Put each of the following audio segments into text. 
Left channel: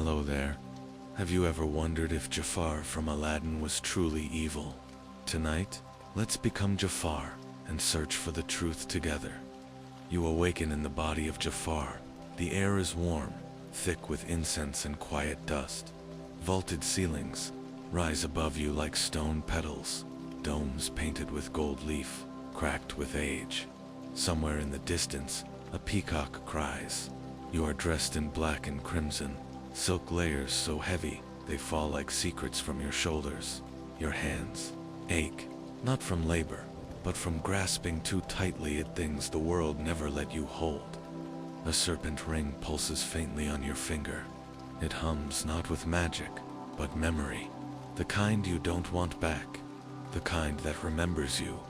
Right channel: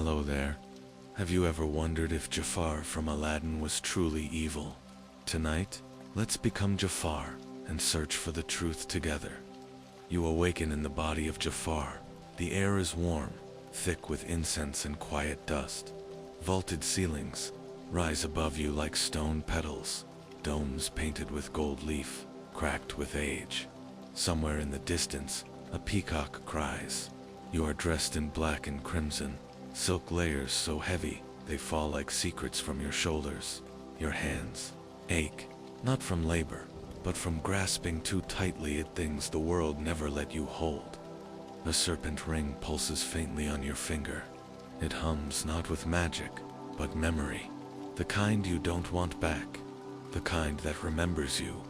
Hello there. Have you ever wondered if Jafar from Aladdin was truly evil? Tonight, let's become Jafar and search for the truth together. You awaken in the body of Jafar. The air is warm, thick with incense and quiet dust. Vaulted ceilings rise above you like stone petals, domes painted with gold leaf, cracked with age. Somewhere in the distance, a peacock cries. You are dressed in black and crimson, silk layers so heavy they fall like secrets from your shoulders. Your hands ache, not from labor, but from grasping too tightly at things the world never let you hold. A serpent ring pulses faintly on your finger. It hums not with magic, but memory. The kind you don't want back, the kind that remembers you.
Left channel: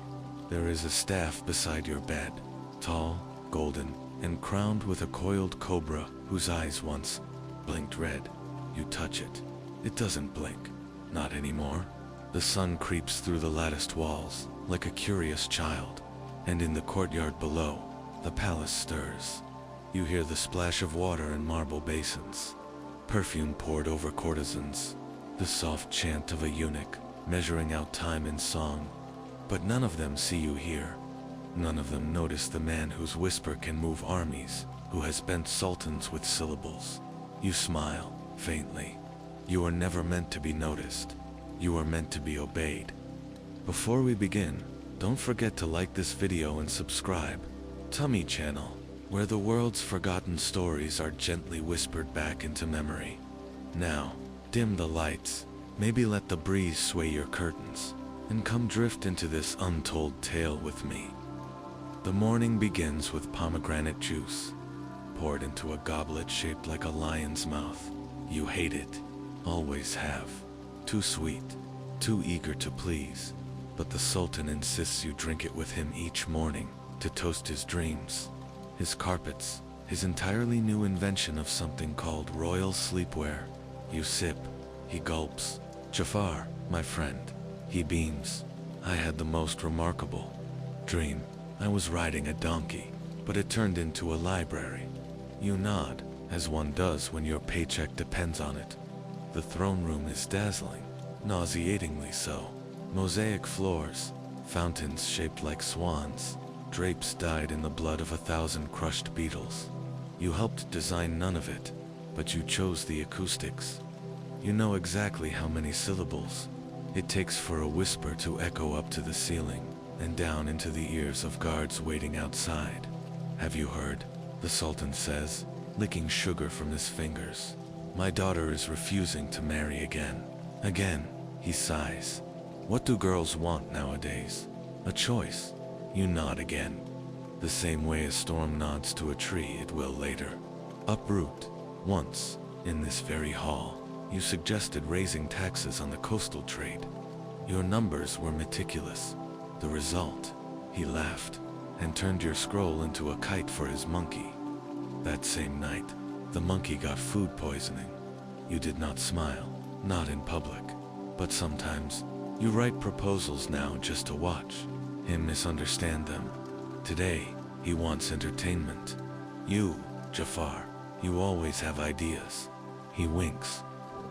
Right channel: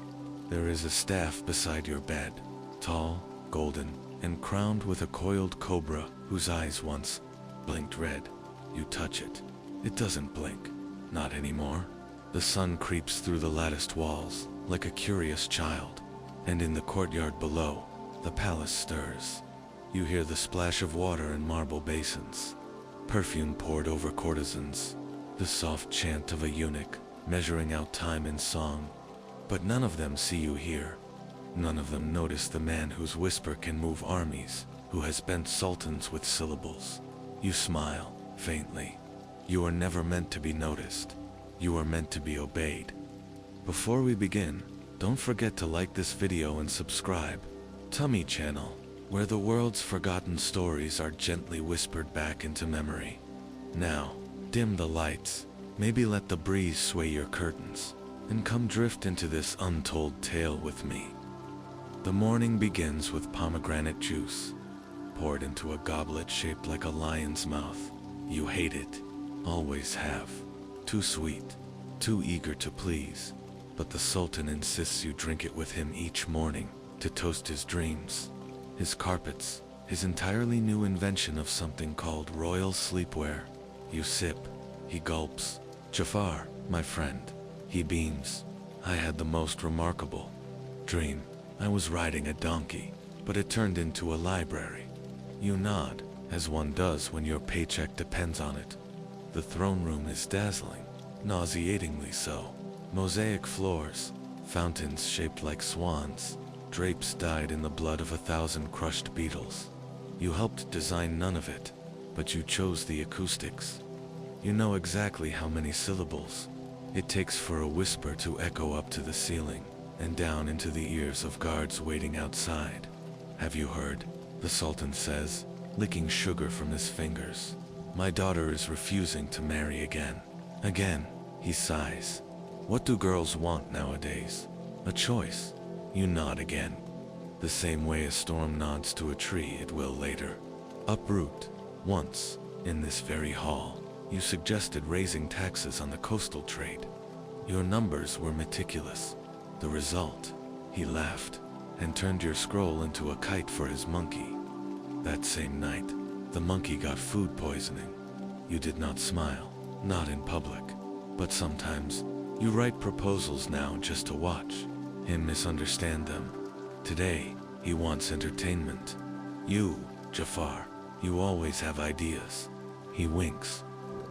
There is a staff beside your bed, tall, golden, and crowned with a coiled cobra whose eyes once blinked red. You touch it. It doesn't blink. Not anymore. The sun creeps through the latticed walls like a curious child, and in the courtyard below, the palace stirs. You hear the splash of water in marble basins, perfume poured over courtesans, the soft chant of a eunuch measuring out time in song. But none of them see you here. None of them notice the man whose whisper can move armies, who has bent sultans with syllables. You smile, faintly. You are never meant to be noticed. You are meant to be obeyed. Before we begin, don't forget to like this video and subscribe. Tummy Channel, where the world's forgotten stories are gently whispered back into memory. Now, dim the lights, maybe let the breeze sway your curtains, and come drift into this untold tale with me. The morning begins with pomegranate juice, poured into a goblet shaped like a lion's mouth. You hate it, always have. Too sweet, too eager to please. But the Sultan insists you drink it with him each morning to toast his dreams, his carpets, his entirely new invention of something called royal sleepwear. You sip, he gulps. Jafar, my friend. He beams. I had the most remarkable dream. I was riding a donkey, but it turned into a library. You nod, as one does when your paycheck depends on it. The throne room is dazzling, nauseatingly so. Mosaic floors, fountains shaped like swans, drapes dyed in the blood of 1,000 crushed beetles. You helped design none of it, but you chose the acoustics. You know exactly how many syllables it takes for a whisper to echo up to the ceiling and down into the ears of guards waiting outside. Have you heard? The Sultan says, licking sugar from his fingers. My daughter is refusing to marry again. Again, he sighs. What do girls want nowadays? A choice. You nod again. The same way a storm nods to a tree it will later uproot. Once, in this very hall, you suggested raising taxes on the coastal trade. Your numbers were meticulous. The result? He laughed and turned your scroll into a kite for his monkey. That same night, the monkey got food poisoning. You did not smile, not in public, but sometimes you write proposals now just to watch him misunderstand them. Today, he wants entertainment. You, Jafar, you always have ideas. He winks.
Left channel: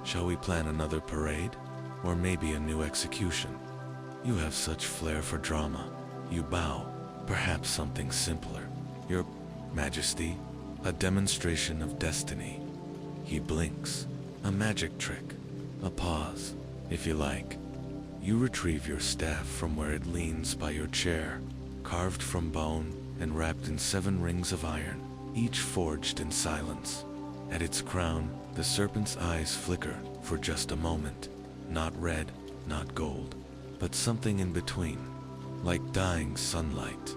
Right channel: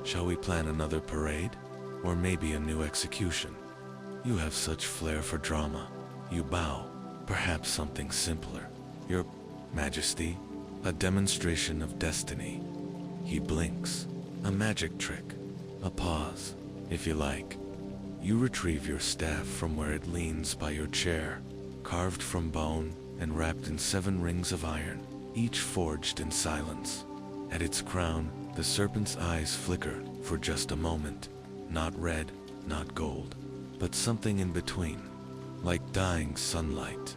Shall we plan another parade? Or maybe a new execution? You have such flair for drama. You bow. Perhaps something simpler. Your Majesty, a demonstration of destiny. He blinks. A magic trick. A pause, if you like. You retrieve your staff from where it leans by your chair, carved from bone and wrapped in 7 rings of iron, each forged in silence. At its crown, the serpent's eyes flicker for just a moment. Not red, not gold, but something in between, like dying sunlight.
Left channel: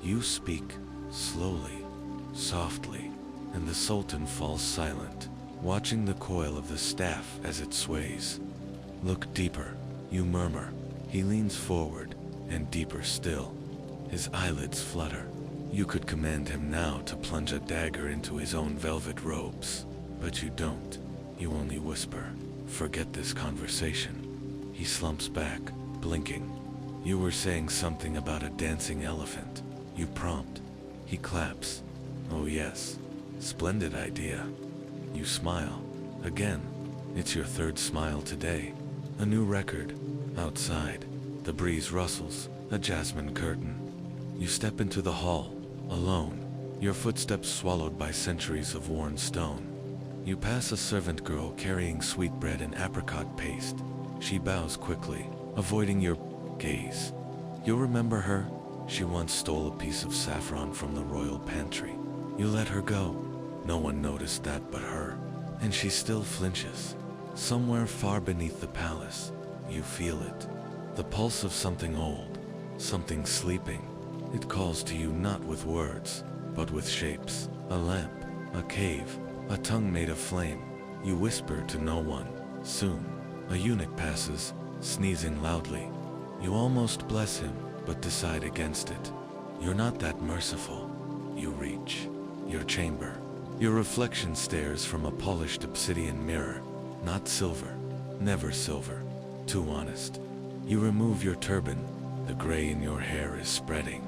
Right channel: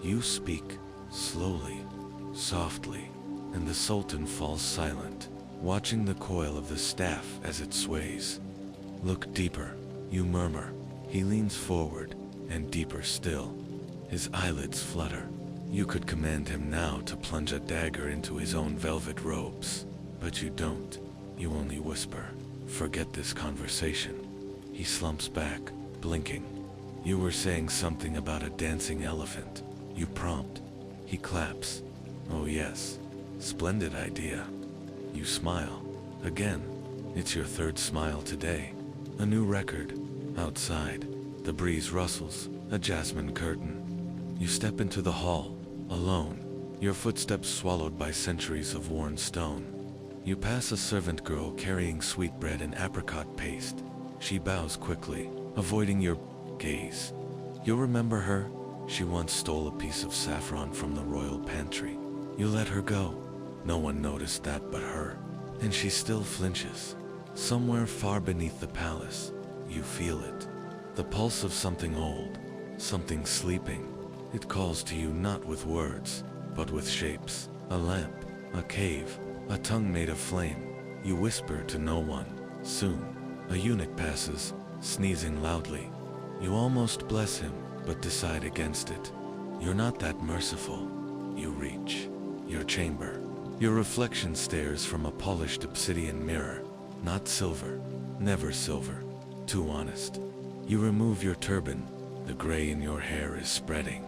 You speak, slowly, softly, and the Sultan falls silent, watching the coil of the staff as it sways. Look deeper, you murmur. He leans forward, and deeper still. His eyelids flutter. You could command him now to plunge a dagger into his own velvet robes, but you don't. You only whisper, forget this conversation. He slumps back, blinking. You were saying something about a dancing elephant. You prompt. He claps. Oh yes, splendid idea. You smile. Again, it's your third smile today. A new record. Outside, the breeze rustles, a jasmine curtain. You step into the hall, alone, your footsteps swallowed by centuries of worn stone. You pass a servant girl carrying sweetbread and apricot paste. She bows quickly, avoiding your gaze. You'll remember her. She once stole a piece of saffron from the royal pantry. You let her go. No one noticed that but her. And she still flinches. Somewhere far beneath the palace, you feel it. The pulse of something old, something sleeping. It calls to you not with words, but with shapes. A lamp, a cave, a tongue made of flame. You whisper to no one. Soon, a eunuch passes, sneezing loudly. You almost bless him, but decide against it. You're not that merciful. You reach your chamber. Your reflection stares from a polished obsidian mirror. Not silver, never silver. Too honest. You remove your turban. The gray in your hair is spreading.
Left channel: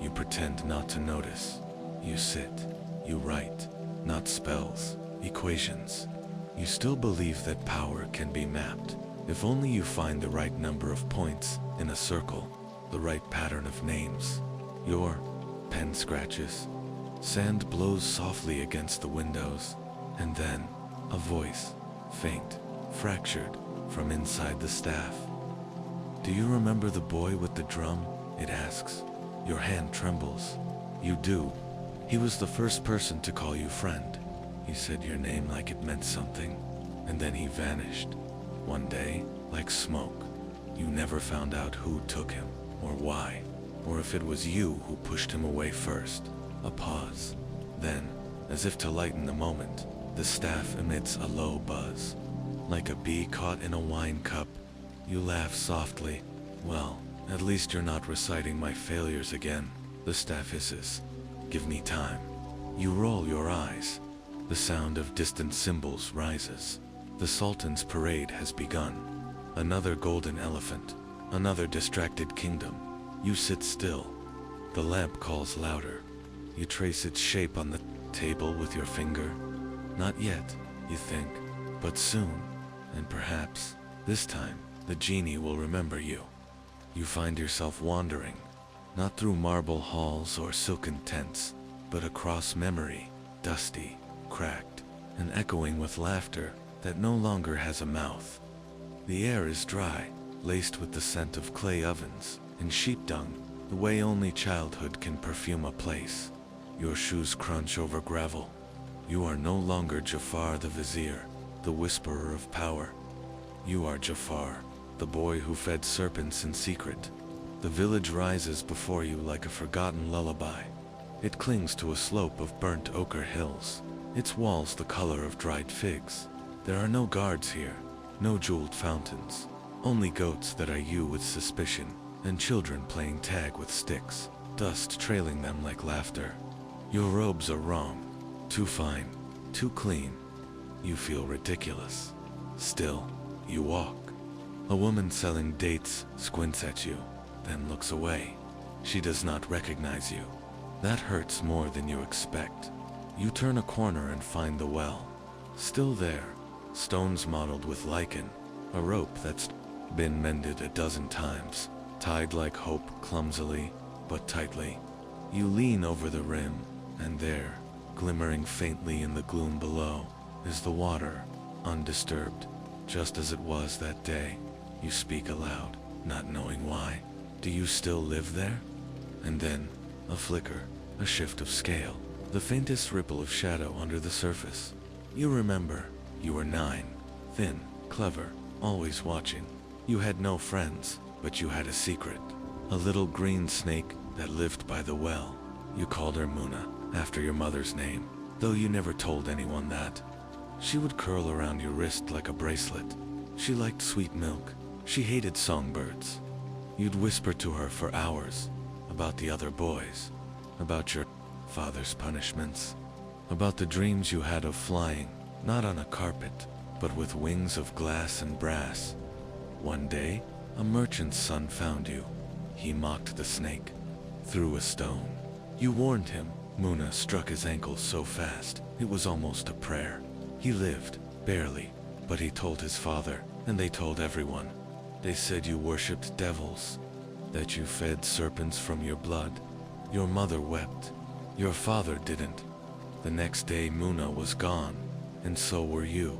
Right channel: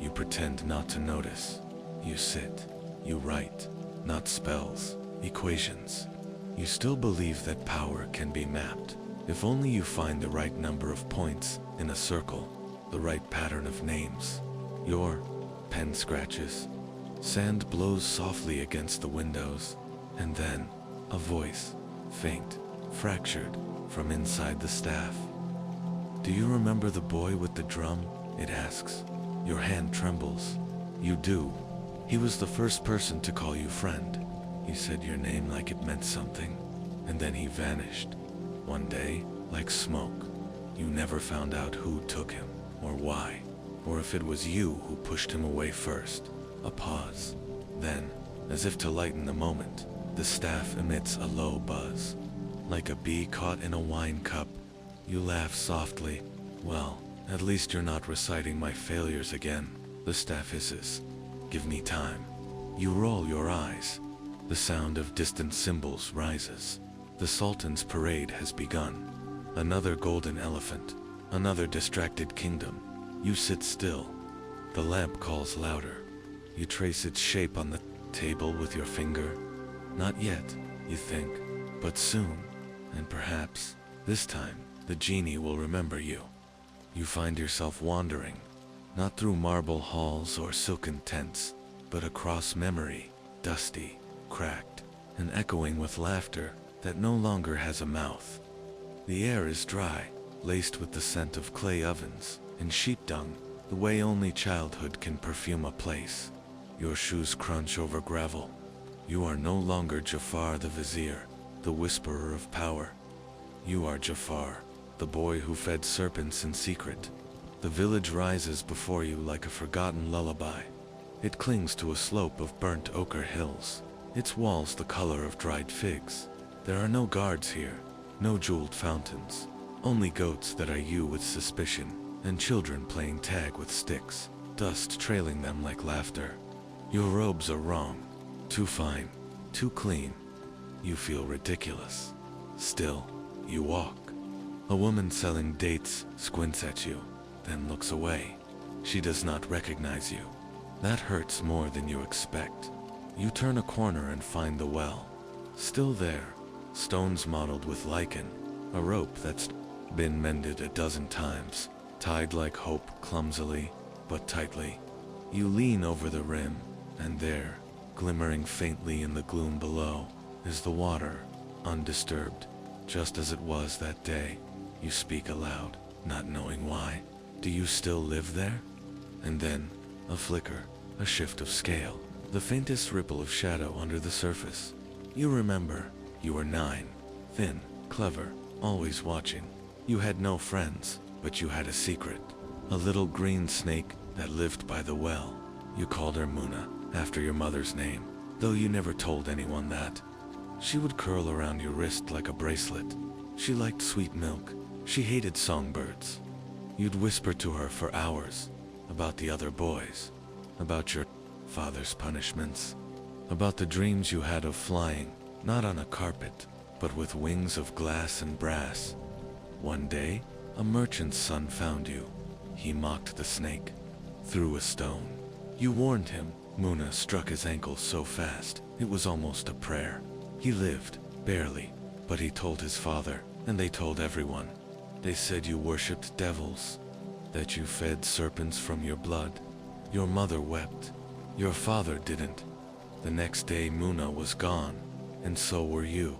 You pretend not to notice. You sit. You write. Not spells, equations. You still believe that power can be mapped. If only you find the right number of points in a circle, the right pattern of names. Your pen scratches. Sand blows softly against the windows, and then a voice, faint, fractured, from inside the staff. Do you remember the boy with the drum? It asks. Your hand trembles. You do. He was the first person to call you friend. He said your name like it meant something, and then he vanished. One day, like smoke. You never found out who took him, or why, or if it was you who pushed him away first. A pause. Then, as if to lighten the moment, the staff emits a low buzz. Like a bee caught in a wine cup, you laugh softly. Well, at least you're not reciting my failures again, the staff hisses. Give me time. You roll your eyes. The sound of distant cymbals rises. The Sultan's parade has begun. Another golden elephant. Another distracted kingdom. You sit still. The lamp calls louder. You trace its shape on the table with your finger. Not yet, you think, but soon, and perhaps, this time, the genie will remember you. You find yourself wandering, not through marble halls or silken tents, but across memory, dusty, cracked, and echoing with laughter that no longer has a mouth. The air is dry, laced with the scent of clay ovens and sheep dung, the way only childhood can perfume a place. Your shoes crunch over gravel. You are no longer Jafar the vizier, the whisperer of power. You are Jafar, the boy who fed serpents in secret. The village rises before you like a forgotten lullaby. It clings to a slope of burnt ochre hills, its walls the color of dried figs. There are no guards here, no jeweled fountains, only goats that eye you with suspicion, and children playing tag with sticks, dust trailing them like laughter. Your robes are wrong, too fine, too clean. You feel ridiculous. Still, you walk. A woman selling dates squints at you, then looks away. She does not recognize you. That hurts more than you expect. You turn a corner and find the well. Still there, stones mottled with lichen, a rope that's been mended a dozen times, tied like hope clumsily, but tightly. You lean over the rim, and there, glimmering faintly in the gloom below, is the water, undisturbed, just as it was that day. You speak aloud, not knowing why. Do you still live there? And then, a flicker, a shift of scale, the faintest ripple of shadow under the surface. You remember, you were 9, thin, clever, always watching. You had no friends, but you had a secret. A little green snake that lived by the well. You called her Muna, after your mother's name, though you never told anyone that. She would curl around your wrist like a bracelet. She liked sweet milk. She hated songbirds. You'd whisper to her for hours, about the other boys, about your father's punishments, about the dreams you had of flying, not on a carpet, but with wings of glass and brass. One day, a merchant's son found you. He mocked the snake, threw a stone. You warned him. Muna struck his ankle so fast, it was almost a prayer. He lived, Barely, but he told his father, and they told everyone. They said you worshipped devils, that you fed serpents from your blood. Your mother wept. Your father didn't. The next day Muna was gone, and so were you.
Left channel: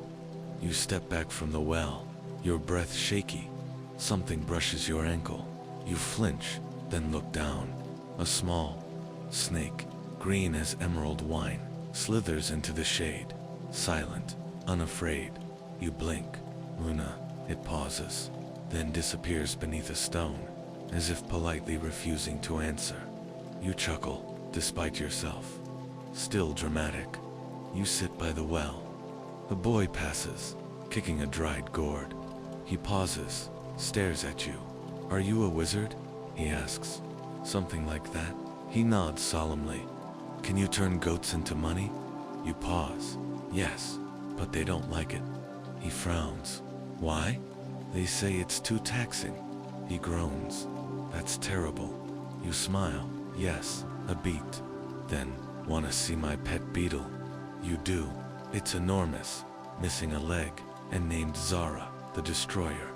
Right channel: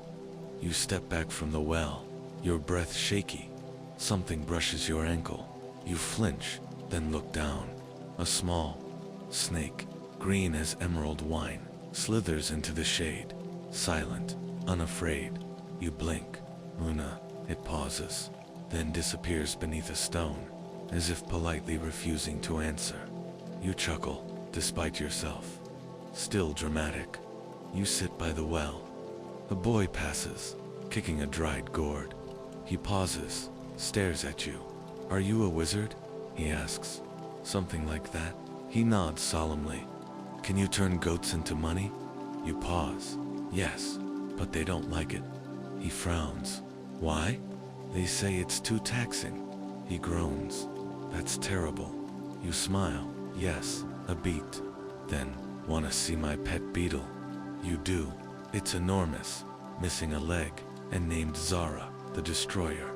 You step back from the well, your breath shaky. Something brushes your ankle. You flinch, then look down. A small snake, green as emerald wine, slithers into the shade. Silent, unafraid. You blink. Muna. It pauses, then disappears beneath a stone, as if politely refusing to answer. You chuckle, despite yourself. Still dramatic. You sit by the well. A boy passes, kicking a dried gourd. He pauses, stares at you. Are you a wizard? He asks. Something like that. He nods solemnly. Can you turn goats into money? You pause. Yes, but they don't like it. He frowns. Why? They say it's too taxing. He groans. That's terrible. You smile. Yes, a beat. Then, wanna see my pet beetle? You do. It's enormous, missing a leg, and named Zara, the Destroyer.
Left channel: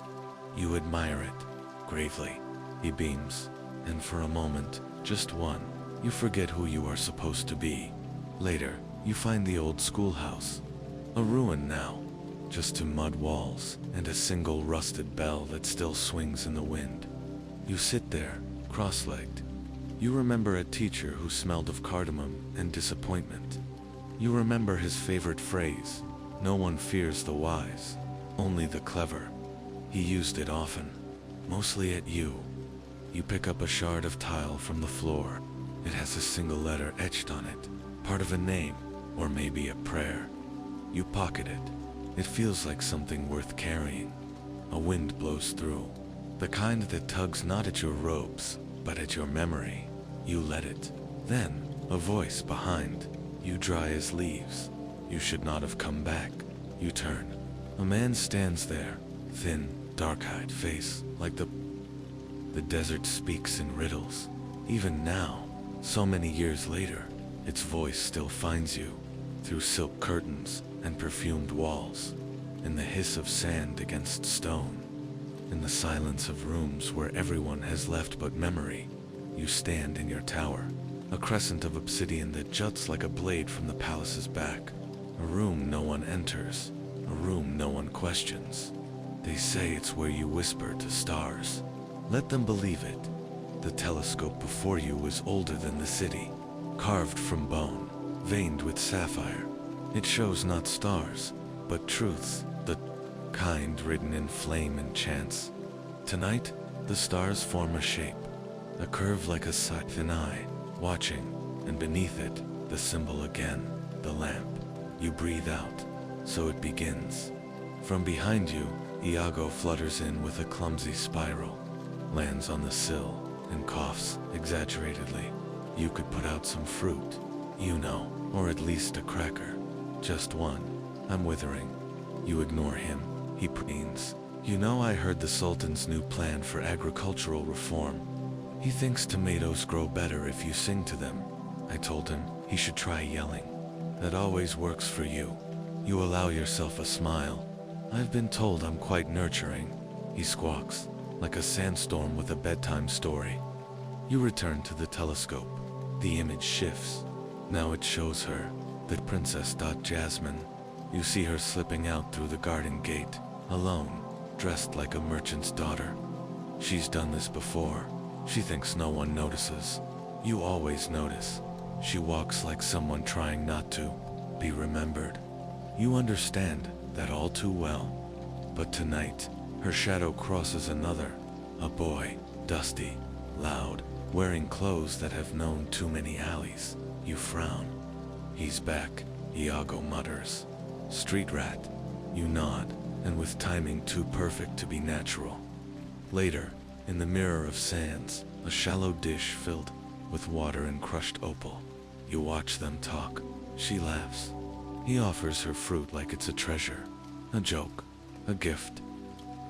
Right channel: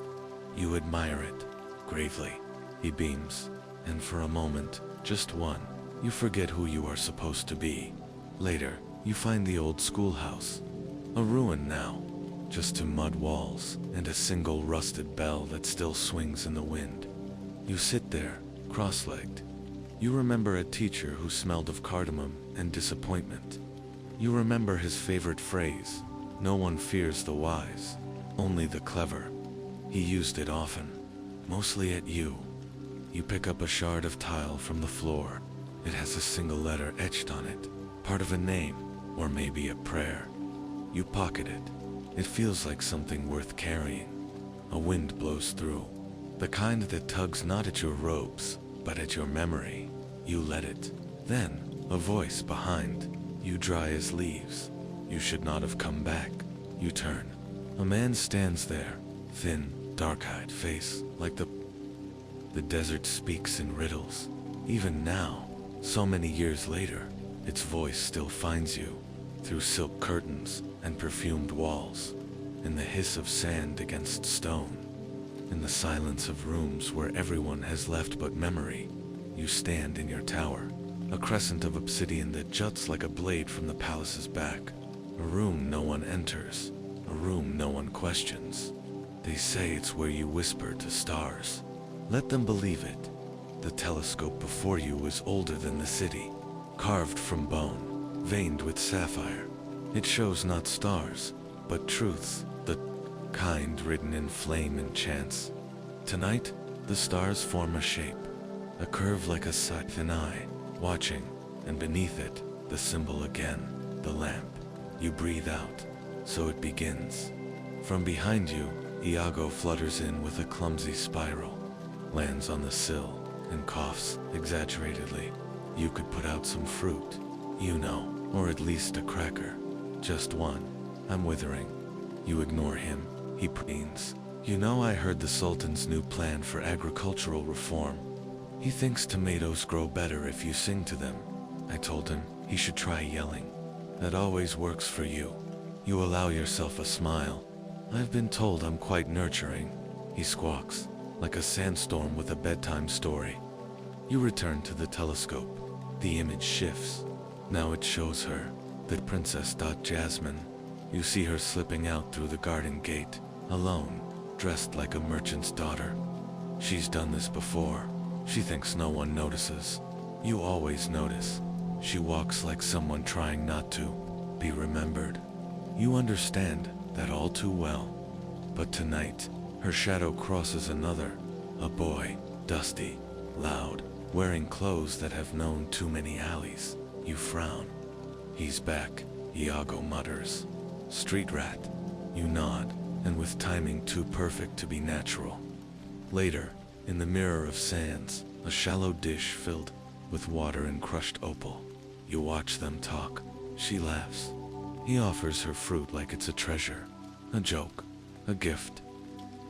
You admire it, gravely. He beams, and for a moment, just one, you forget who you are supposed to be. Later, you find the old schoolhouse. A ruin now, just two mud walls, and a single rusted bell that still swings in the wind. You sit there, cross-legged. You remember a teacher who smelled of cardamom and disappointment. You remember his favorite phrase, "No one fears the wise, only the clever." He used it often, mostly at you. You pick up a shard of tile from the floor. It has a single letter etched on it, part of a name, or maybe a prayer. You pocket it. It feels like something worth carrying. A wind blows through, the kind that tugs not at your robes, but at your memory. You let it. Then, a voice behind. You dry as leaves. You should not have come back. You turn. A man stands there, thin, dark-eyed face, like the desert speaks in riddles. Even now, so many years later, its voice still finds you, through silk curtains and perfumed walls, in the hiss of sand against stone, in the silence of rooms where everyone has left but memory. You stand in your tower, a crescent of obsidian that juts like a blade from the palace's back. A room no one enters, a room no one questions. They say it's where you whisper to stars. Let them believe it. The telescope before you is older than the city, carved from bone, veined with sapphire. It shows not stars, but truths, the kind written in flame and chance. Tonight, the stars form a shape, a curve like a thin eye, watching, and beneath it, the symbol again, the lamp. You breathe out, so it begins. From behind you, Iago flutters in with a clumsy spiral, lands on the sill, and coughs exaggeratedly. You could put out some fruit, you know, or at least a cracker. Just one. I'm withering. You ignore him. He preens. You know, I heard the Sultan's new plan for agricultural reform. He thinks tomatoes grow better if you sing to them. I told him he should try yelling. That always works for you. You allow yourself a smile. I've been told I'm quite nurturing. He squawks, like a sandstorm with a bedtime story. You return to the telescope. The image shifts. Now it shows her, the Princess Jasmine. You see her slipping out through the garden gate, alone, dressed like a merchant's daughter. She's done this before. She thinks no one notices. You always notice. She walks like someone trying not to be remembered. You understand that all too well. But tonight, her shadow crosses another, a boy, dusty, loud, wearing clothes that have known too many alleys. You frown. He's back, Iago mutters. Street rat. You nod, and with timing too perfect to be natural. Later, in the mirror of sands, a shallow dish filled with water and crushed opal. You watch them talk. She laughs. He offers her fruit like it's a treasure, a joke, a gift.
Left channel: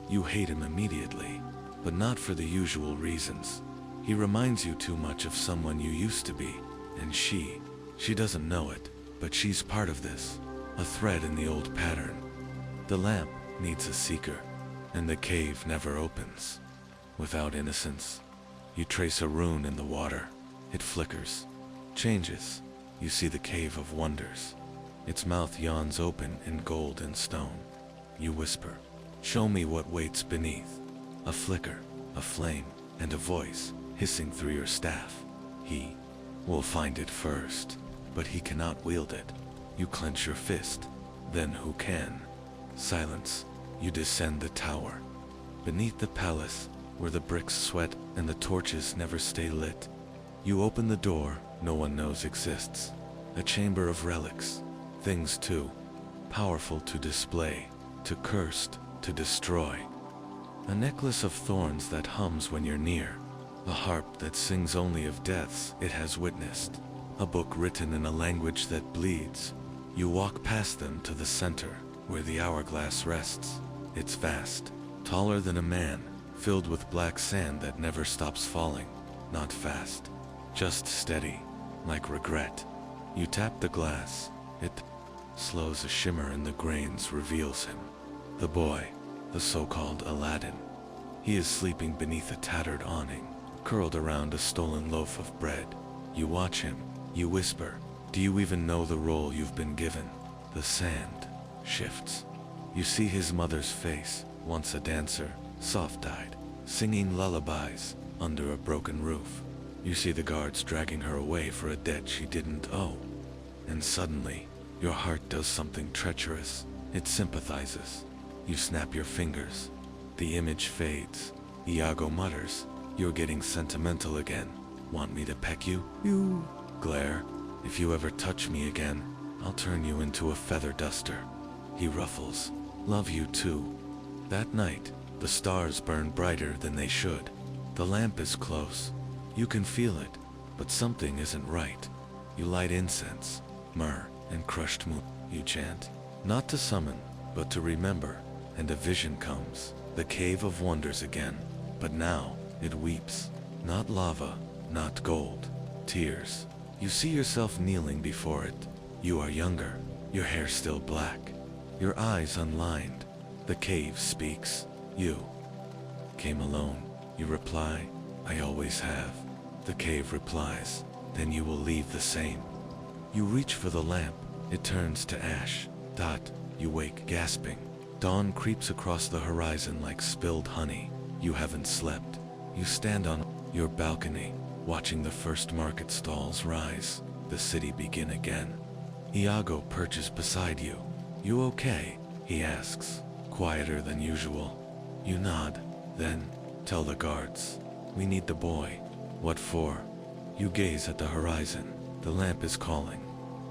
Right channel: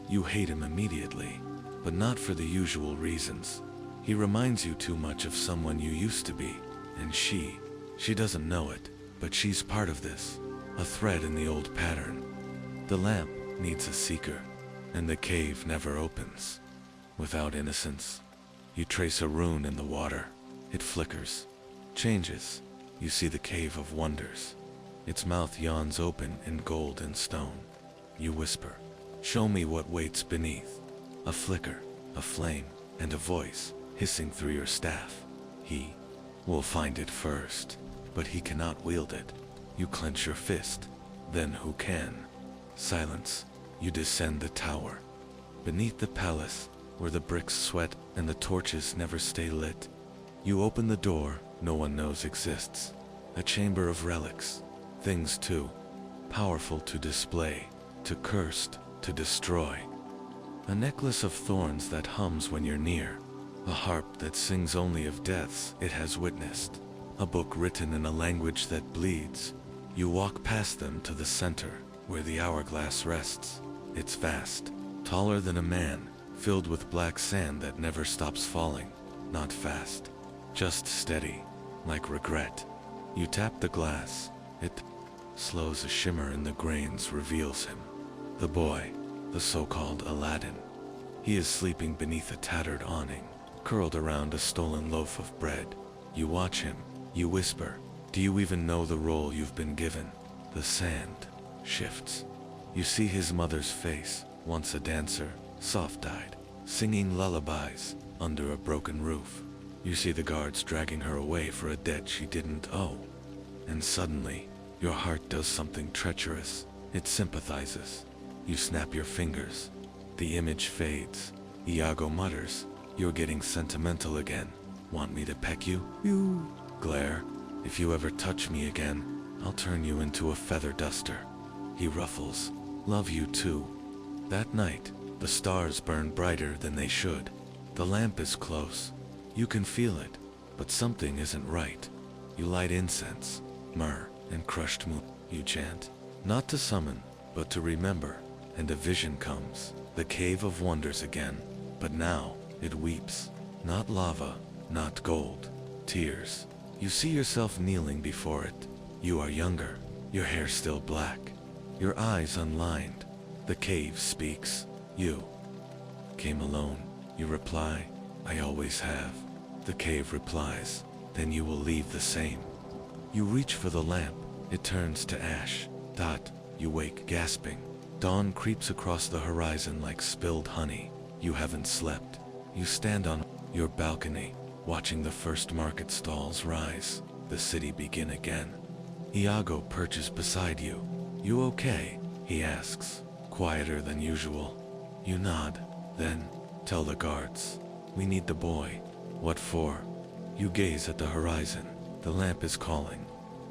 You hate him immediately, but not for the usual reasons. He reminds you too much of someone you used to be, and she doesn't know it, but she's part of this, a thread in the old pattern. The lamp needs a seeker, and the cave never opens without innocence. You trace a rune in the water. It flickers, changes. You see the cave of wonders. Its mouth yawns open in gold and stone. You whisper, "Show me what waits beneath." A flicker, a flame, and a voice hissing through your staff. He will find it first, but he cannot wield it. You clench your fist. Then who can? Silence. You descend the tower. Beneath the palace, where the bricks sweat and the torches never stay lit, you open the door no one knows exists. A chamber of relics. Things too powerful to display, too cursed to destroy. A necklace of thorns that hums when you're near. A harp that sings only of deaths it has witnessed. A book written in a language that bleeds. You walk past them to the center, where the hourglass rests. It's vast, taller than a man, filled with black sand that never stops falling. Not fast, just steady, like regret. You tap the glass. It slows. A shimmer in the grains reveals him. The boy, the so-called Aladdin. He is sleeping beneath a tattered awning, curled around a stolen loaf of bread. You watch him. You whisper, "Do you even know the role you've been given?" The sand shifts. You see his mother's face, once a dancer, soft-eyed, singing lullabies under a broken roof. You see the guards dragging her away for a debt she didn't owe. And suddenly, your heart does something treacherous. It sympathizes. You snap your fingers. The image fades. Iago mutters, "You're getting sentimental again. Want me to peck you?" You glare. "If you ever touch me again, I'll turn you into a feather duster." He ruffles. "Love you too." That night, the stars burn brighter than they should. The lamp is close. You can feel it, but something isn't right. You light incense, myrrh, and crushed moon. You chant, not to summon, but to remember, and a vision comes. The cave of wonders again, but now it weeps. Not lava, not gold, tears. You see yourself kneeling before it. You are younger, your hair still black, your eyes unlined. The cave speaks. "You came alone." You reply, "I always have." The cave replies, "Then you will leave the same." You reach for the lamp. It turns to ash. You wake gasping. Dawn creeps across the horizon like spilled honey. You haven't slept. You stand on your balcony, watching the first market stalls rise, the city begin again. Iago perches beside you. "You okay?" he asks, quieter than usual. You nod. "Then, tell the guards. We need the boy." "What for?" You gaze at the horizon. The lamp is calling.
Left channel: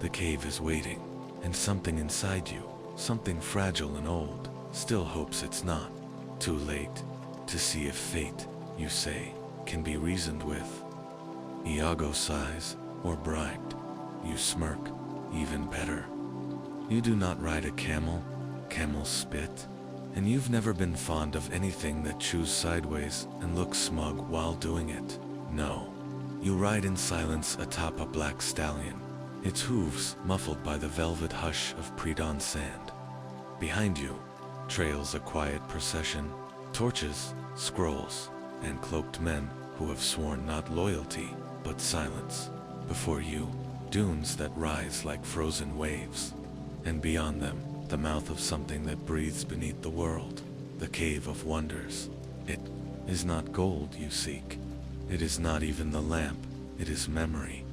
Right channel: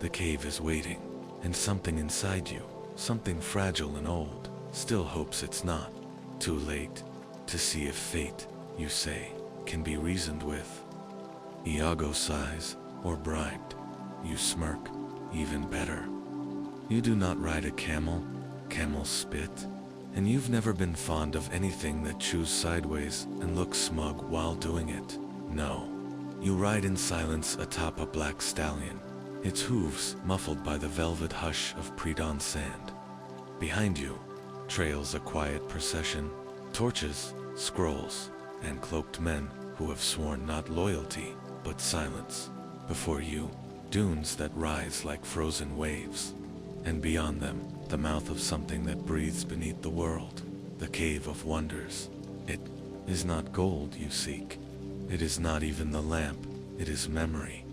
The cave is waiting. And something inside you, something fragile and old, still hopes it's not too late to see if fate, you say, can be reasoned with. Iago sighs, "Or bribed." You smirk. "Even better." You do not ride a camel. Camels spit. And you've never been fond of anything that chews sideways and looks smug while doing it. No. You ride in silence atop a black stallion, its hooves muffled by the velvet hush of pre-dawn sand. Behind you trails a quiet procession, torches, scrolls, and cloaked men who have sworn not loyalty, but silence. Before you, dunes that rise like frozen waves. And beyond them, the mouth of something that breathes beneath the world, the cave of wonders. It is not gold you seek. It is not even the lamp. It is memory.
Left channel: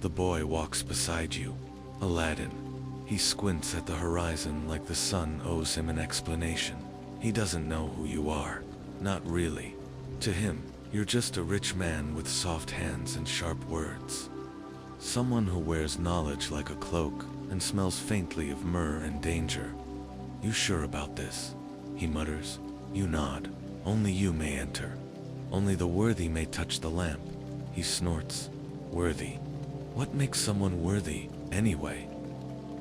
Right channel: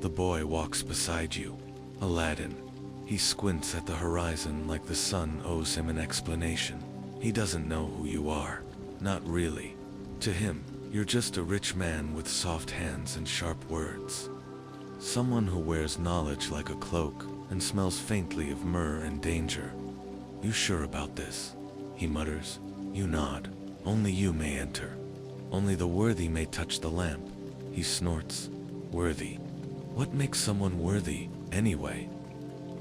The boy walks beside you, Aladdin. He squints at the horizon like the sun owes him an explanation. He doesn't know who you are. Not really. To him, you're just a rich man with soft hands and sharp words. Someone who wears knowledge like a cloak and smells faintly of myrrh and danger. "You sure about this?" he mutters. You nod. "Only you may enter. Only the worthy may touch the lamp." He snorts. "Worthy? What makes someone worthy, anyway?"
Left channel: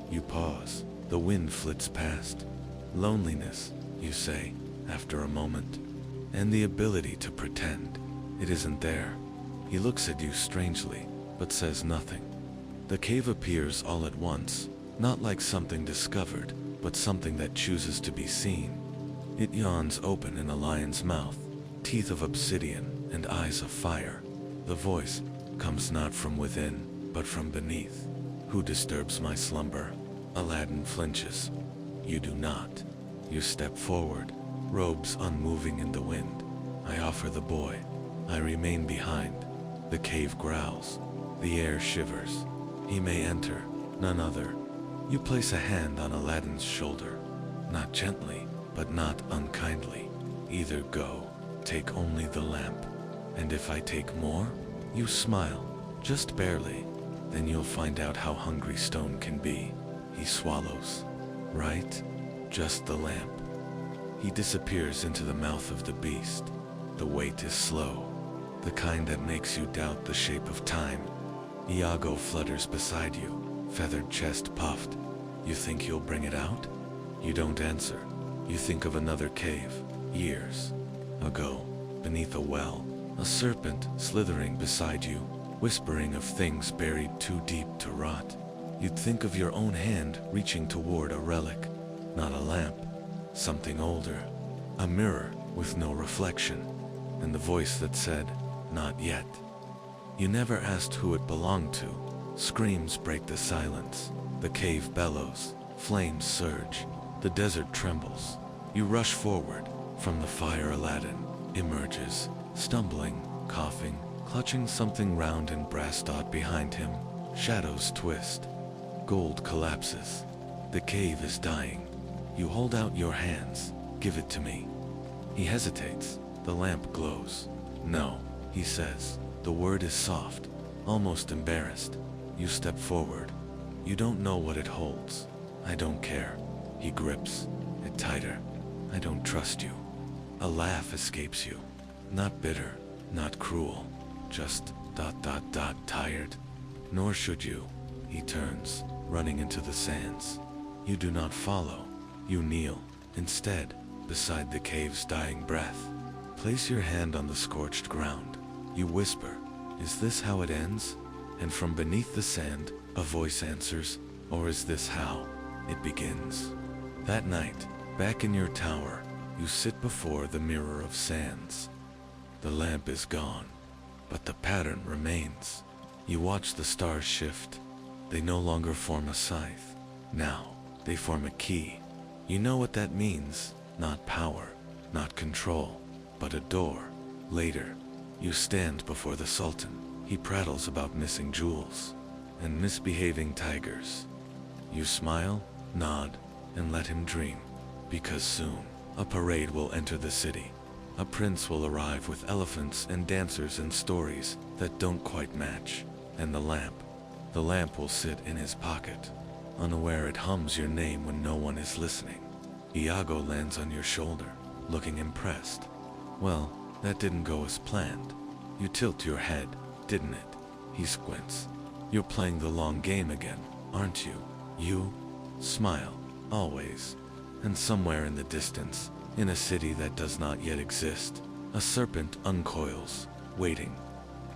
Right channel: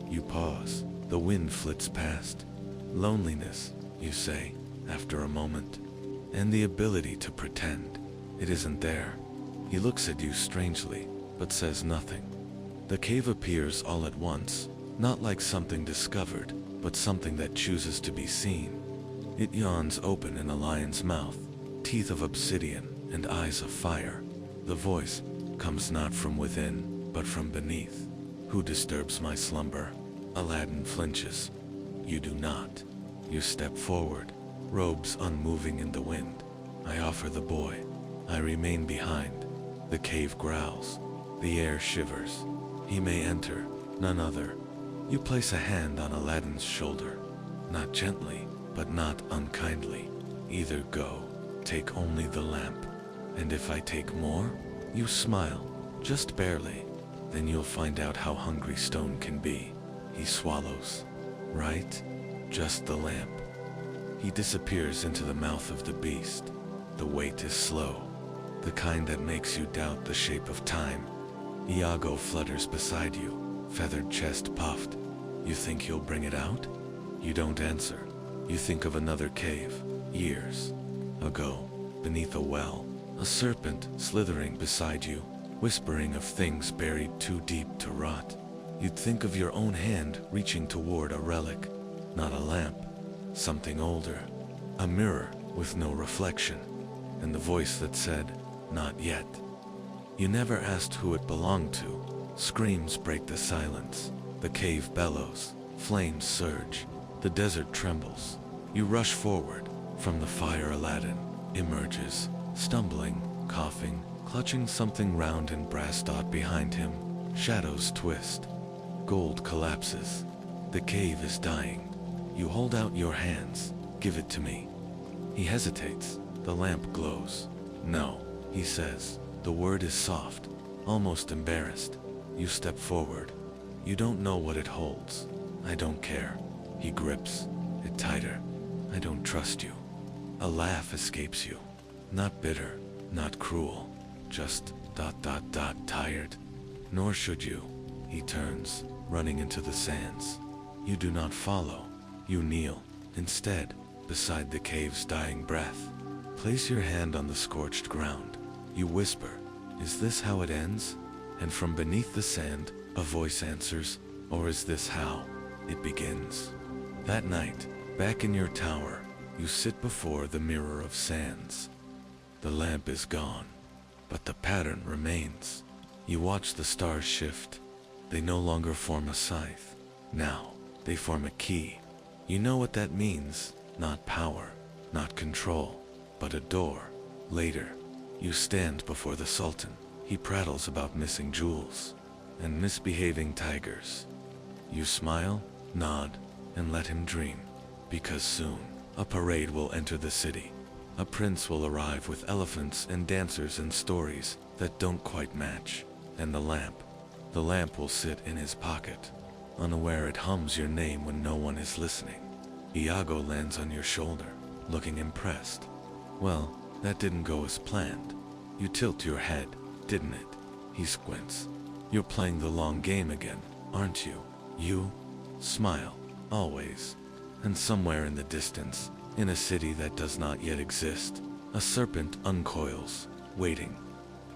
You pause. The wind flits past. "Loneliness," you say, after a moment. "And the ability to pretend. It isn't there." He looks at you strangely, but says nothing. The cave appears all at once, not like something discovered, but something that chooses to be seen. It yawns open in a lion's mouth, teeth of obsidian and eyes of fire. The voice comes not from within, but from beneath. Who disturbs my slumber? Aladdin flinches. You do not. You step forward, robes unmoving in the wind. I offer the boy. I remain behind. The cave growls. The air shivers. He may enter, none other. You place a hand on Aladdin's shoulder. Not gently, but not unkindly. Either go, take only the lamp. And if I take more, you smile, just barely. Then you'll find out how hungry stone can be. He swallows. Right? Just the lamp. He disappears into the mouth of the beast. The wait is slow, the kind that makes you doubt the shape of time. Iago flutters beside you, feathered chest puffed. You think you'll bring it out? You don't answer. You think of another cave, years ago, beneath a well, a serpent slithering beside you, whispering of things buried too deep to rot. You'd think of your own hand reaching toward a relic, not a lamp, something older, a mirror with no reflection, and the voice that said, not yet. You never asked who it belonged to. Screams break the silence. The cave bellows, flames surge, the desert trembles. You rush forward. From the fire Aladdin emerges, stumbling, coughing, clutching something round and brass dot behind him. Shadows twist. Gold collapses. The cave is dying. You hold out your hands. Give it to me. He hesitates. The lamp glows. No, he says. The word is soft, almost embarrassed. You step forward. You don't know what it holds. I don't care. He grips it tighter. I don't trust you. A laugh escapes you. Not bitter, not cruel, just ... tired. Nor should you. He turns, running into the sands. You do not follow. You kneel, instead, beside the cave's dying breath. Place your hand on the scorched ground. You whisper, is this how it ends? And from beneath the sand, a voice answers, or is this how it begins? That night, back in your tower, you sit before the mirror of sands. The lamp is gone, but the pattern remains. You watch the stars shift. They no longer form a scythe. Now, they form a key. You know what that means. Not power, not control, but a door. Later, you stand before the Sultan. He prattles about missing jewels and misbehaving tigers. You smile, nod, and let him dream. Because soon, a parade will enter the city. A prince will arrive with elephants and dancers and stories that don't quite match. And the lamp will sit in his pocket. Unaware it hums your name when no one is listening. Iago lands on your shoulder, looking impressed. Well, that didn't go as planned. You tilt your head, didn't it? He squints. You're playing the long game again, aren't you? You smile, always. And somewhere in the distance, in a city that does not yet exist, a serpent uncoils, waiting.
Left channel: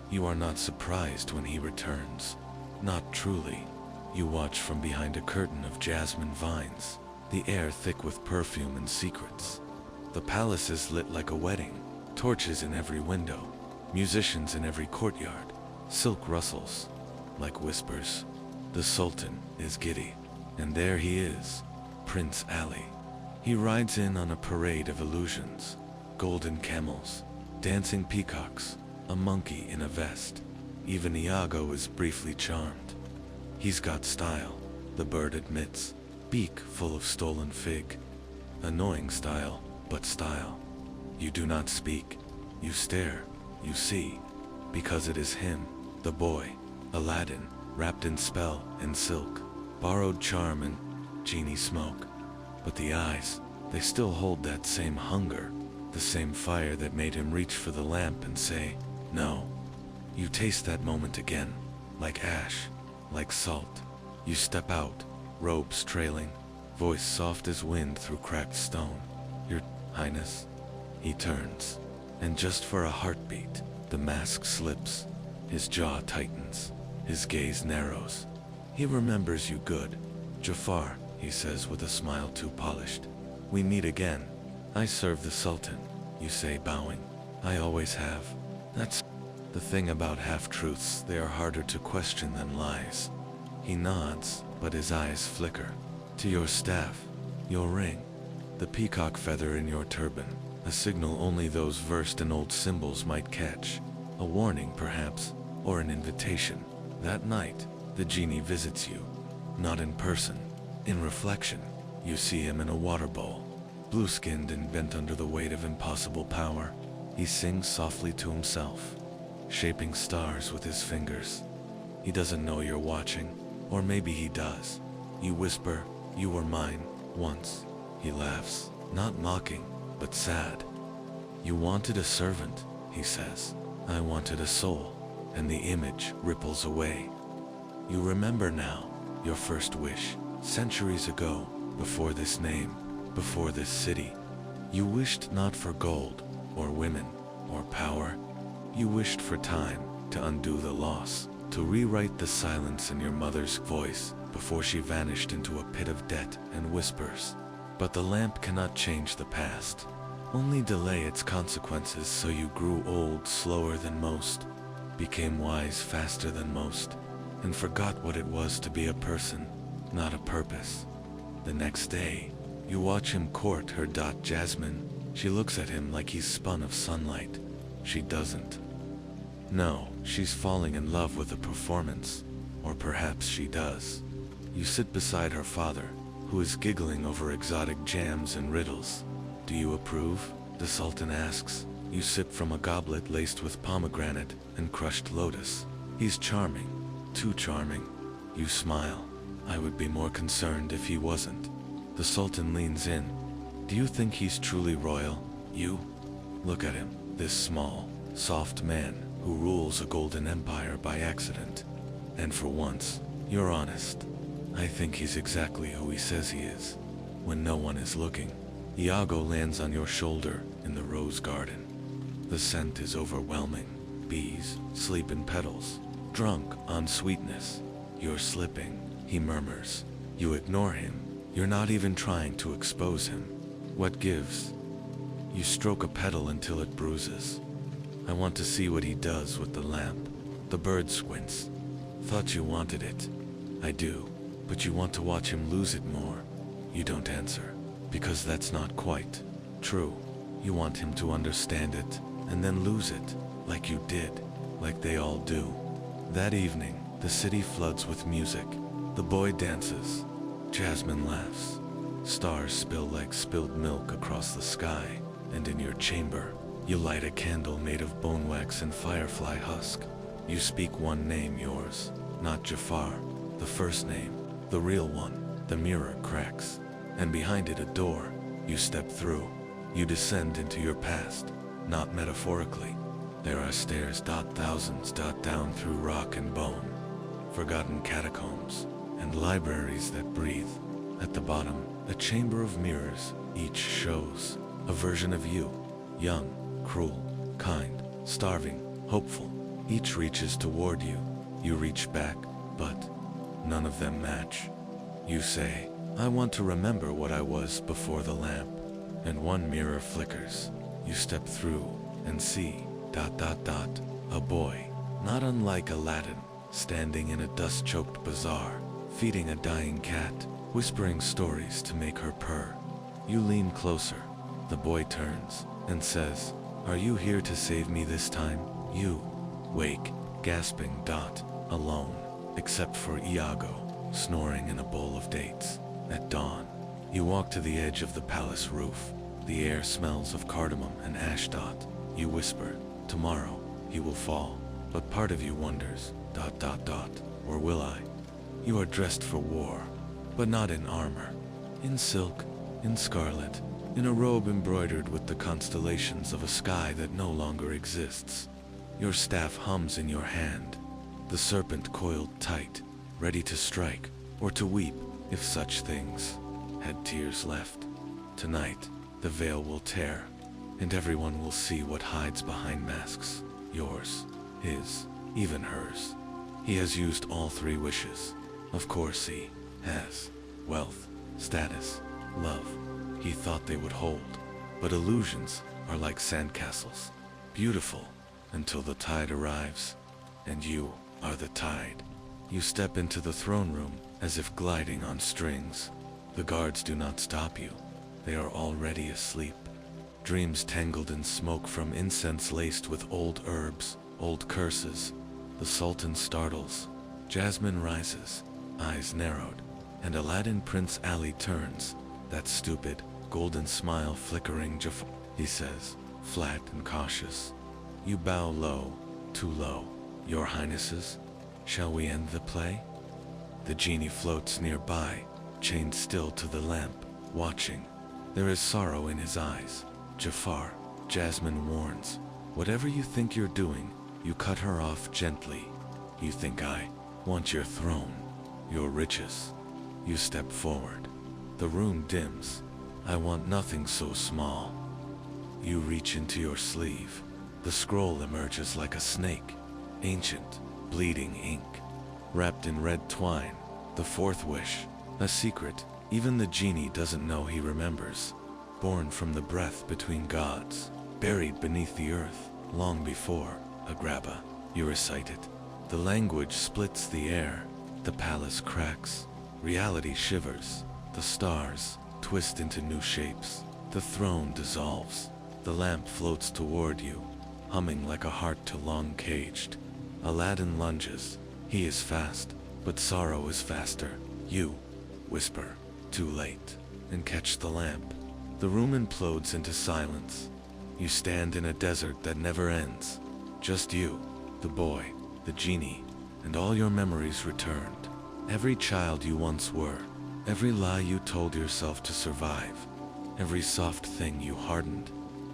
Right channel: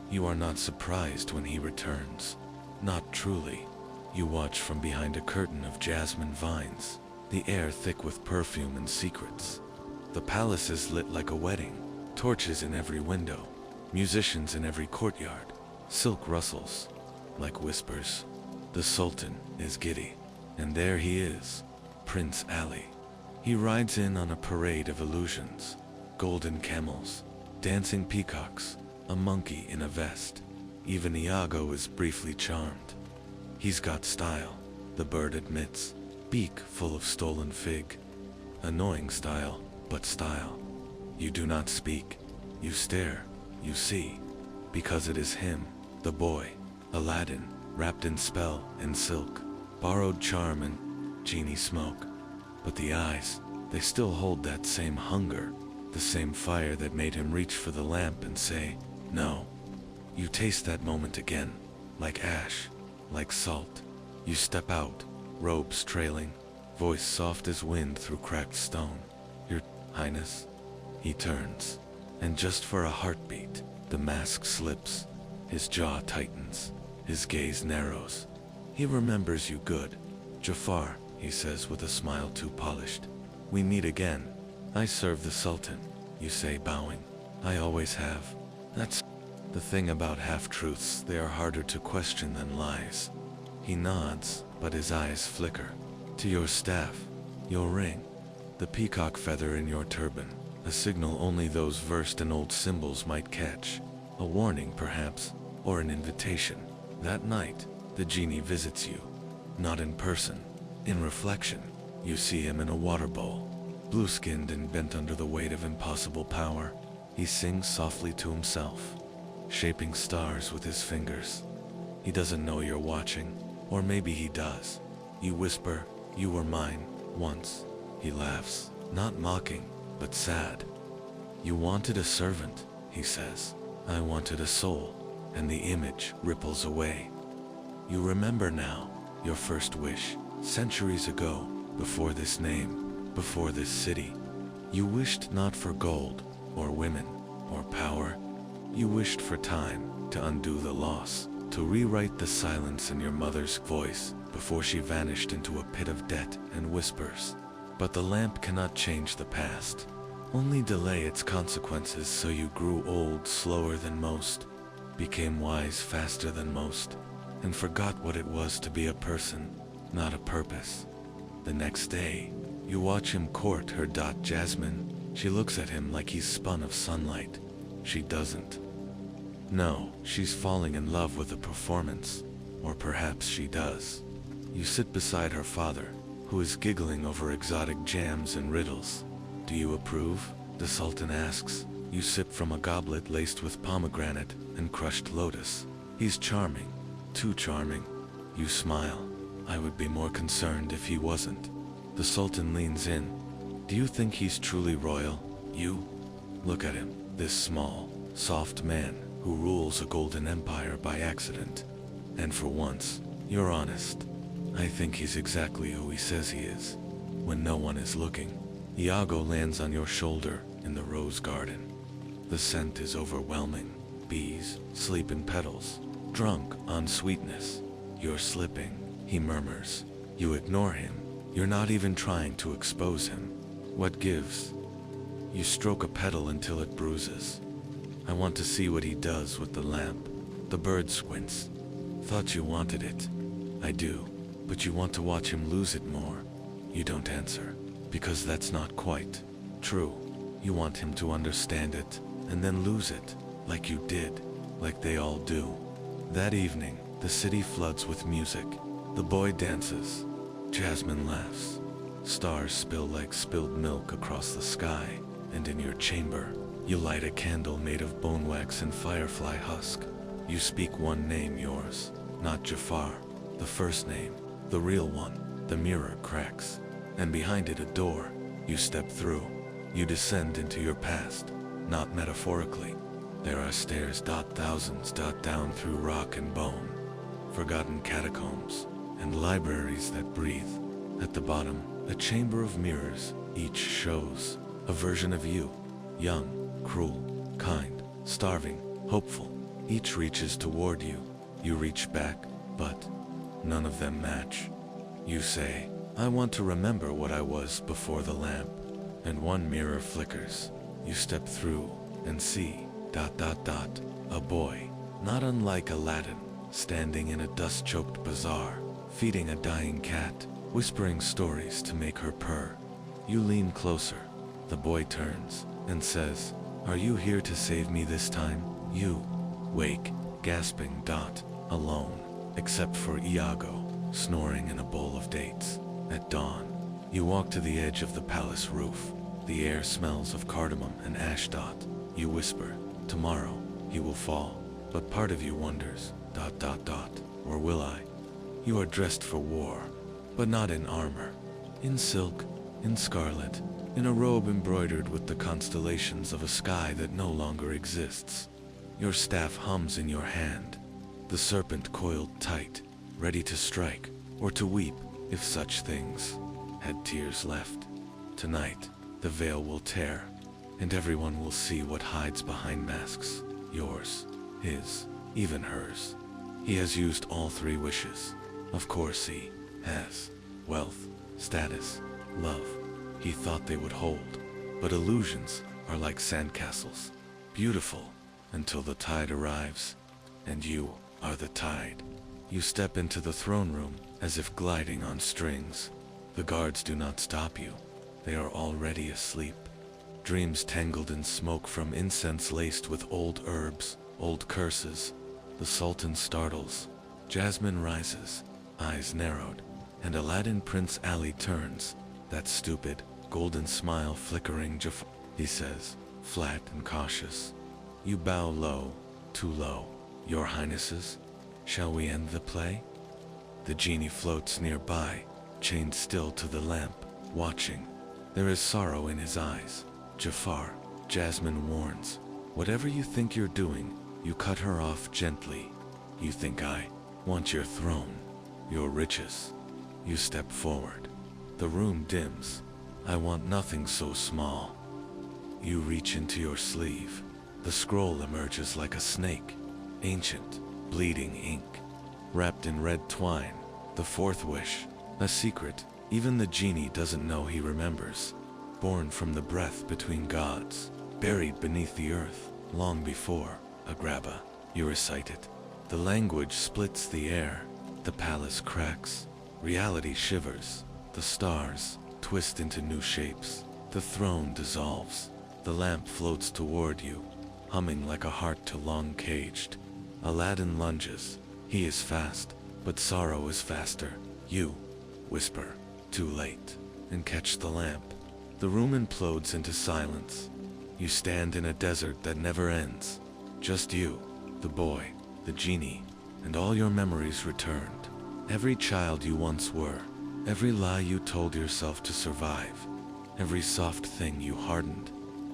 You are not surprised when he returns. Not truly. You watch from behind a curtain of jasmine vines, the air thick with perfume and secrets. The palace is lit like a wedding, torches in every window, musicians in every courtyard. Silk rustles, like whispers. The Sultan is giddy, and there he is, Prince Ali. He rides in on a parade of illusions, golden camels, dancing peacocks, a monkey in a vest. Even Iago is briefly charmed. He's got style, the bird admits, beak full of stolen fig. Annoying style, but style. You do not speak. You stare, you see, because it is him, the boy, Aladdin, wrapped in spell and silk, borrowed charm and genie smoke. But the eyes, they still hold that same hunger, the same fire that made him reach for the lamp and say, no. You taste that moment again, like ash, like salt. You step out, robes trailing, voice soft as wind through cracked stone. Your Highness? He turns, and just for a heartbeat, the mask slips. His jaw tightens, his gaze narrows. He remembers you good. Jafar, he says with a smile too polished. We meet again. I serve the Sultan, you say, bowing. I always have. That's the thing about half-truths, they are harder to question than lies. He nods, but his eyes flicker. To your staff, your ring, the peacock feather in your turban, a signal only those versed in old symbols might catch. A warning, perhaps, or an invitation. That night, the genie visits you. Not in person, in reflection. You see him in a water bowl, blue-skinned and bent under the weight of impossible power. He sings softly to himself, shaping stars with his fingers. He doesn't know you're watching, or maybe he does. You whisper, "You were mine, once." He laughs, not mocking, but sad. "You wanted a servant," he says. "I wanted a soul," and the image ripples away. You remember now, your first wish, centuries ago, before this name, before this city. You wished not for gold, or women, or power. You wished for time, to undo the loss, to rewrite the silence in your mother's voice, before she vanished into a pit of debt and whispers. But the lamp cannot change the past, only delay its consequences, so you grew old slower than most, became wise faster than most, and forgot what it was to be a person, not a purpose. The next day, you watch him court her Jasmine. She looks at him like he's spun of sunlight. She doesn't. No, she's falling in love with the performance, or perhaps she does. You sit beside her father, who is giggling over exotic jams and riddles. Do you approve? The Sultan asks. You sip from a goblet laced with pomegranate and crushed lotus. He's charming, too charming. You smile. I would be more concerned if he wasn't. The Sultan leans in. Do you think he's truly royal? You? Look at him, this small, soft man who rules a golden empire by accident. And for once, you're honest. I think he's exactly who he says he is, when no one is looking. Iago lands on your shoulder in the rose garden. The scent is overwhelming. Bees sleep in petals, drunk on sweetness. You're slipping, he murmurs. You ignore him. You're not even trying to expose him. What gives? You stroke a petal until it bruises. I want to see what he does with the lamp. The bird squints. Thought you wanted it. I do, but you want to watch him lose it more. You don't answer, because that's not quite true. You want him to understand it, and then lose it, like you did, like they all do. That evening, the city floods with music. The boy dances. Jasmine laughs. Stars spill like spilled milk across the sky, and in your chamber, you light a candle made of bone wax and firefly husk. You speak one name, yours, not Jafar, the first name, the real one. The mirror cracks, and behind it a door. You step through. You descend into your past, not metaphorically. There are stairs, thousands, down through rock and bone, forgotten catacombs, and libraries that breathe. At the bottom, a chamber of mirrors, each shows a version of you, young, cruel, kind, starving, hopeful. Each reaches toward you. You reach back, but none of them match. You say, I want to remember what I was before the lamp. And one mirror flickers. You step through and see, a boy, not unlike Aladdin, standing in a dust-choked bazaar, feeding a dying cat, whispering stories to make her purr. You lean closer. The boy turns and says, Are you here to save me this time? You wake, gasping, alone, except for Iago, snoring in a bowl of dates. At dawn, you walk to the edge of the palace roof. The air smells of cardamom and ash. You whisper, tomorrow, he will fall. But part of you wonders, or will I? You are dressed for war, but not in armor. In silk, in scarlet, in a robe embroidered with the constellations of a sky that no longer exists. Your staff hums in your hand, the serpent coiled tight, ready to strike, or to weep, if such things had tears left. Tonight, the veil will tear, and everyone will see what hides behind masks. Yours, his, even hers. He has used all three wishes. Of course he has. Wealth, status, love. He thought they would hold. But illusions are like sandcastles, beautiful until the tide arrives, and you are the tide. You step into the throne room as if gliding on strings. The guards do not stop you. They are already asleep. Dreams tangled in smoke from incense laced with old herbs, old curses. The Sultan startles. Jasmine rises, eyes narrowed, and Aladdin Prince Ali turns, that stupid, golden smile flickering. Jafar, he says, flat and cautious. You bow low, too low. Your Highnesses, shall we end the play? The genie floats nearby, chained still to the lamp, watching. There is sorrow in his eyes. Jafar, Jasmine warns, whatever you think you're doing, you cut her off gently. You think I want your throne, your riches. You step forward. The room dims. I want nothing so small. You reach into your sleeve. The scroll emerges like a snake, ancient, bleeding ink, wrapped in red twine. The fourth wish, a secret even the genie doesn't know he remembers. Born from the breath between gods, buried beneath the earth, long before Agrabah. You recite it. The language splits the air. The palace cracks. Reality shivers. The stars twist into new shapes. The throne dissolves. The lamp floats toward you, humming like a heart too long caged. Aladdin lunges. He is fast, but sorrow is faster. You whisper, too late, and catch the lamp. The room implodes into silence. You stand in a desert that never ends. Just you, the boy, the genie, and all your memories returned. Every child you once were, every lie you told yourself to survive, every soft thing you hardened,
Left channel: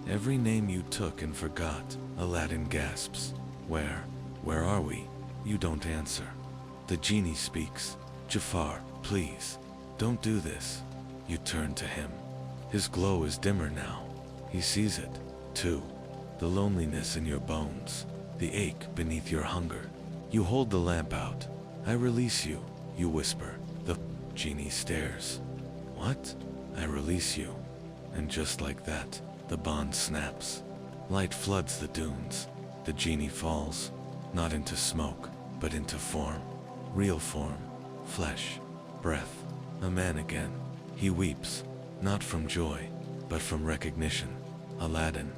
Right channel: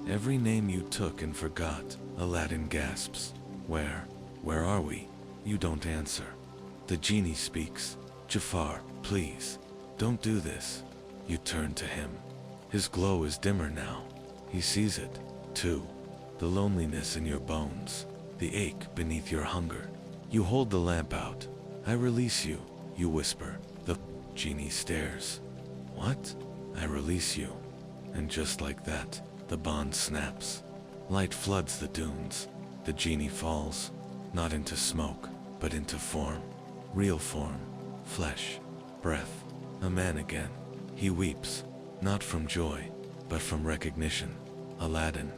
every name you took and forgot. Aladdin gasps. Where are we? You don't answer. The genie speaks. Jafar, please, don't do this. You turn to him. His glow is dimmer now. He sees it, too. The loneliness in your bones, the ache beneath your hunger. You hold the lamp out. I release you, you whisper. The genie stares. What? I release you. And just like that, the bond snaps. Light floods the dunes. The genie falls, not into smoke, but into form. Real form, flesh, breath, a man again. He weeps, not from joy, but from recognition. Aladdin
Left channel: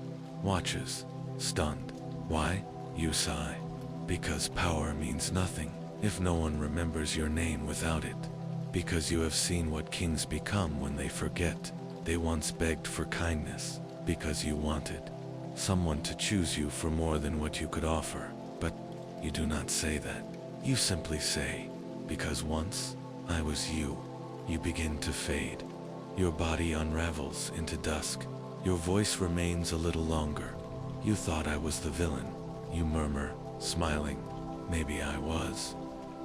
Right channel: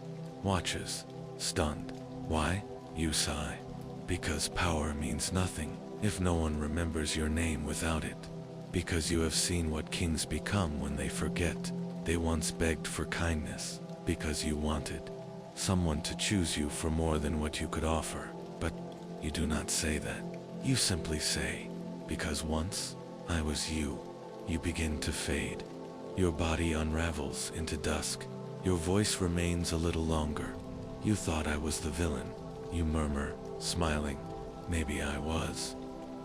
watches, stunned. Why? You sigh. Because power means nothing if no one remembers your name without it. Because you have seen what kings become when they forget. They once begged for kindness, because you wanted someone to choose you for more than what you could offer. But you do not say that. You simply say, because once I was you. You begin to fade. Your body unravels into dusk. Your voice remains a little longer. You thought I was the villain. You murmur, smiling. Maybe I was.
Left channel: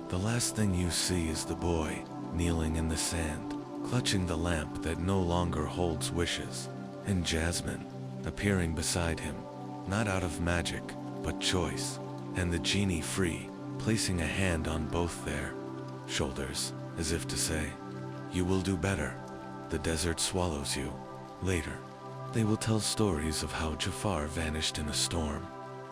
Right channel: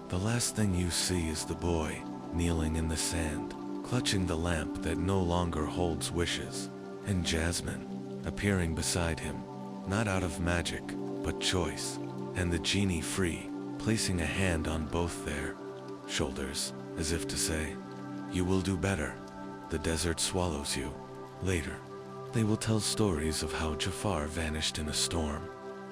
The last thing you see is the boy, kneeling in the sand, clutching the lamp that no longer holds wishes, and Jasmine, appearing beside him, not out of magic, but choice, and the genie free, placing a hand on both their shoulders, as if to say, you will do better. The desert swallows you. Later, they will tell stories of how Jafar vanished in a storm.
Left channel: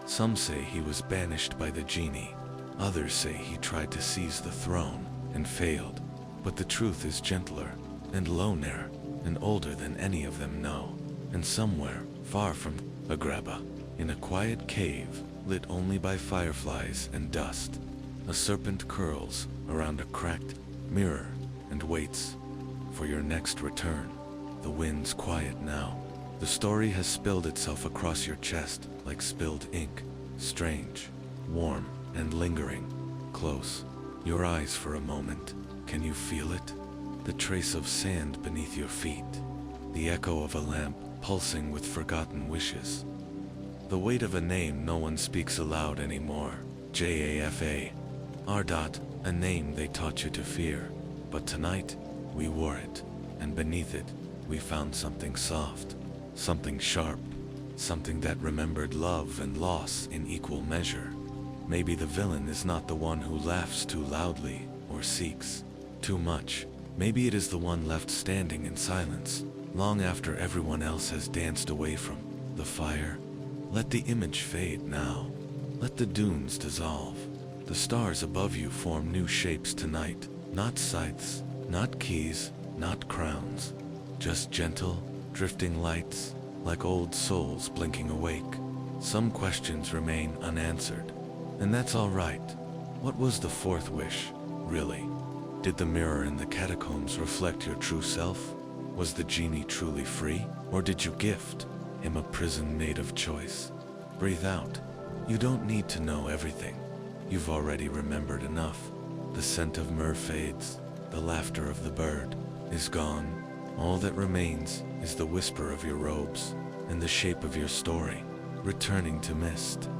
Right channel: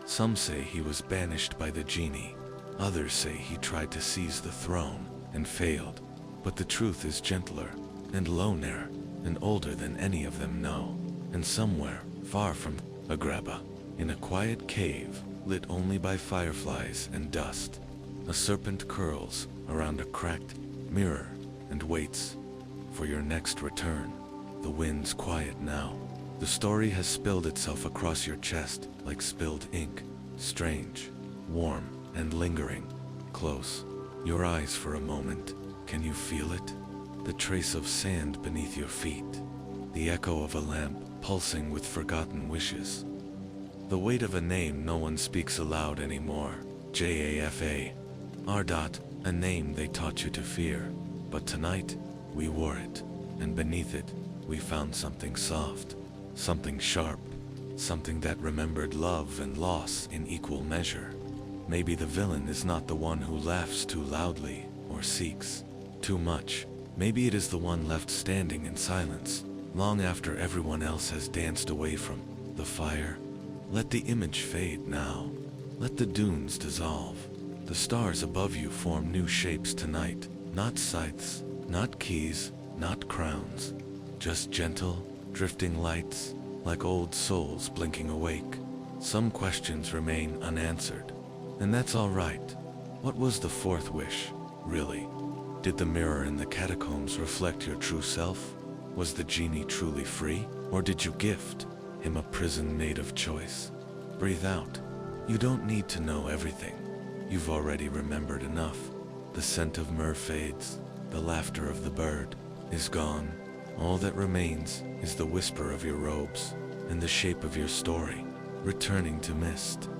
Some say he was banished by the genie. Others say he tried to seize the throne and failed. But the truth is gentler and loner and older than any of them know. And somewhere, far from Agrabah, in a quiet cave, lit only by fireflies and dust, a serpent curls around a cracked mirror and waits for your next return. The wind's quiet now. The story has spilled itself across your chest like spilled ink, strange, warm, and lingering. Close your eyes for a moment. Can you feel it? The trace of sand beneath your feet. The echo of a lamp pulsing with forgotten wishes. The weight of a name no one speaks aloud anymore. Jafar. A name they taught you to fear. But tonight, we wore it, and beneath it, we found something soft, something sharp, something that remembered love and loss in equal measure. Maybe the villain is not the one who laughs too loudly or seeks too much, Maybe it is the one left standing in silence, long after everyone else has danced away from the fire. Let the image fade now. Let the dunes dissolve. The stars above you form new shapes tonight. Not scythes, not keys, not crowns. Just gentle, drifting lights, like old souls blinking awake. Some questions remain unanswered, and that's all right. What was the fourth wish, really? Did the mirror in the catacombs reflect your true self? Was the genie truly free? Or did you gift him a prison made of choice? Breathe out. You don't need to know everything. You've already remembered enough. The scent of myrrh fades. The laughter of the bird is gone. All that remains is the whisper of your robes and the shape of your story, returning to mist.